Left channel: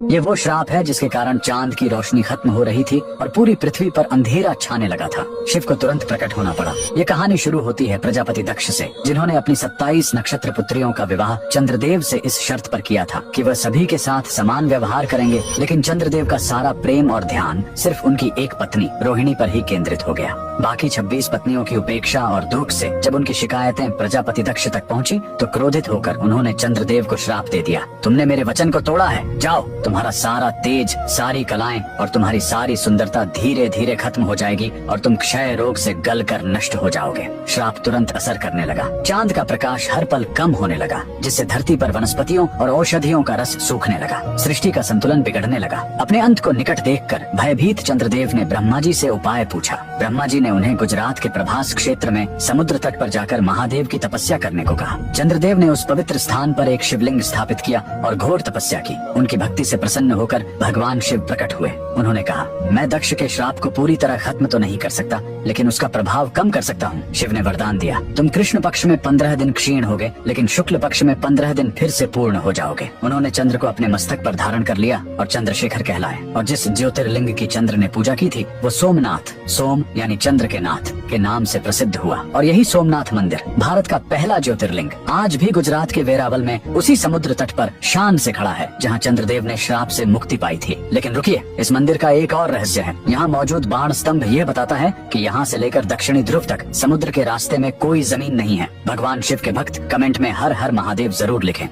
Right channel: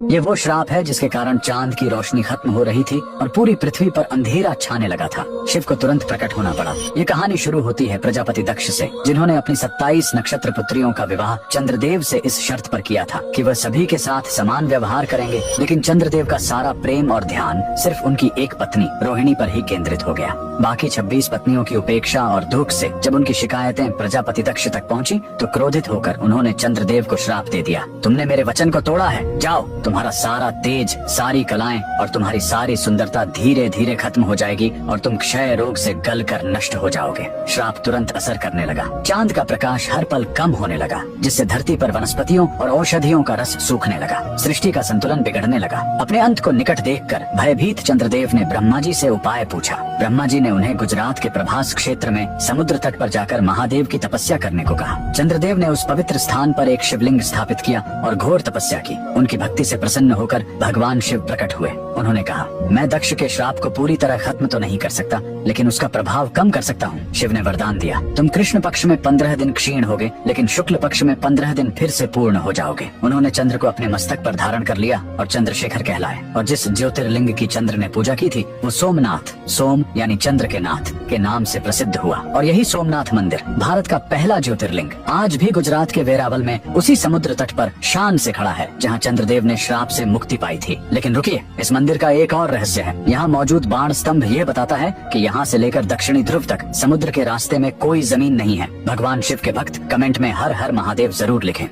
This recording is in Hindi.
ये वो श्राप है जिसके कारण चांद की रोशनी खत्म हो रही थी और पूरी पृथ्वी पर अंधेरा छाने लगा था। शिव को तुरंत प्रकट होना पड़ा। ये कहानी शुरू होती है प्रजापति दक्ष से, जिन्होंने अपनी 27 नक्षत्र पुत्रियों का विवाह चंद्रदेव से इस शर्त पर किया था कि वह सभी के साथ समान व्यवहार करेंगे, लेकिन चंद्रदेव का सारा प्रेम और ध्यान सिर्फ उनकी एक पत्नी रोहिणी पर ही केंद्रित हो गया। बाकी 26 पत्नियों की उपेक्षा और दुख से जब उनकी शिकायतें प्रजापति दक्ष तक पहुँची तो क्रोधित होकर उन्होंने चंद्रदेव को श्राप दे दिया। तुमने मेरे वचन को तोड़ा है, जाओ, तुम्हारा सारा तेज, सारी कलाएं और तुम्हारी सारी सुंदरता धीरे धीरे खत्म हो जाएगी और तुम क्षय रोग से गलकर नष्ट हो जाओगे। श्राप तुरंत असर करने लगा। चांद का प्रकाश हर पल कम होने लगा, जिससे धरती पर वनस्पतियों और औषधियों का रस सूखने लगा। सृष्टि का संतुलन बिगड़ने लगा। अपने अंत को निकट देखकर भयभीत चंद्रदेव ने ब्रह्मा जी से उपाय पूछा। ब्रह्मा जी ने उन्हें गुजरात के प्रभास क्षेत्र में समुद्र तट पर जाकर महादेव की तपस्या करने को कहा। चंद्रदेव ने उस पवित्र स्थान पर एक शिवलिंग स्थापित किया और घोर तपस्या की। उनकी भक्ति से प्रसन्न होकर भगवान शिव प्रकट हुए। उन्होंने कहा, मैं दक्ष के श्राप को पूरी तरह खत्म तो नहीं कर सकता, लेकिन उसका प्रभाव कम कर सकता हूँ। शिव ने वरदान दिया, तुम कृष्ण पक्ष में 15 दिन क्षीण होगे, लेकिन शुक्ल पक्ष में 15 दिन फिर से पूर्ण हो जाओगे। उन्होंने चंद्र को अपने मस्तक पर धारण कर लिया और चंद्रशेखर कहलाए। और जिस ज्योतिर्लिंग की चंद्र ने पूजा की थी वो सोमनाथ, सोम यानी चंद्र के नाथ के नाम से प्रसिद्ध हुआ। और यही सोमनाथ मंदिर भारत का पहला ज्योतिर्लिंग आज भी गुजरात के वेरावल में उसी समुद्र तट पर शान से खड़ा है, जहाँ चंद्रदेव ने श्राप से मुक्ति पाई थी। लेकिन रुकिए, इस मंदिर का एक और रहस्य है। यहाँ मौजूद बाण स्तंभ ये बताता है कि यहाँ से लेकर दक्षिणी ध्रुव तक समुद्र के रास्ते में कोई जमीन नहीं है। भगवान शिव के भक्त कमेंट में हर हर महादेव जरूर लिखें।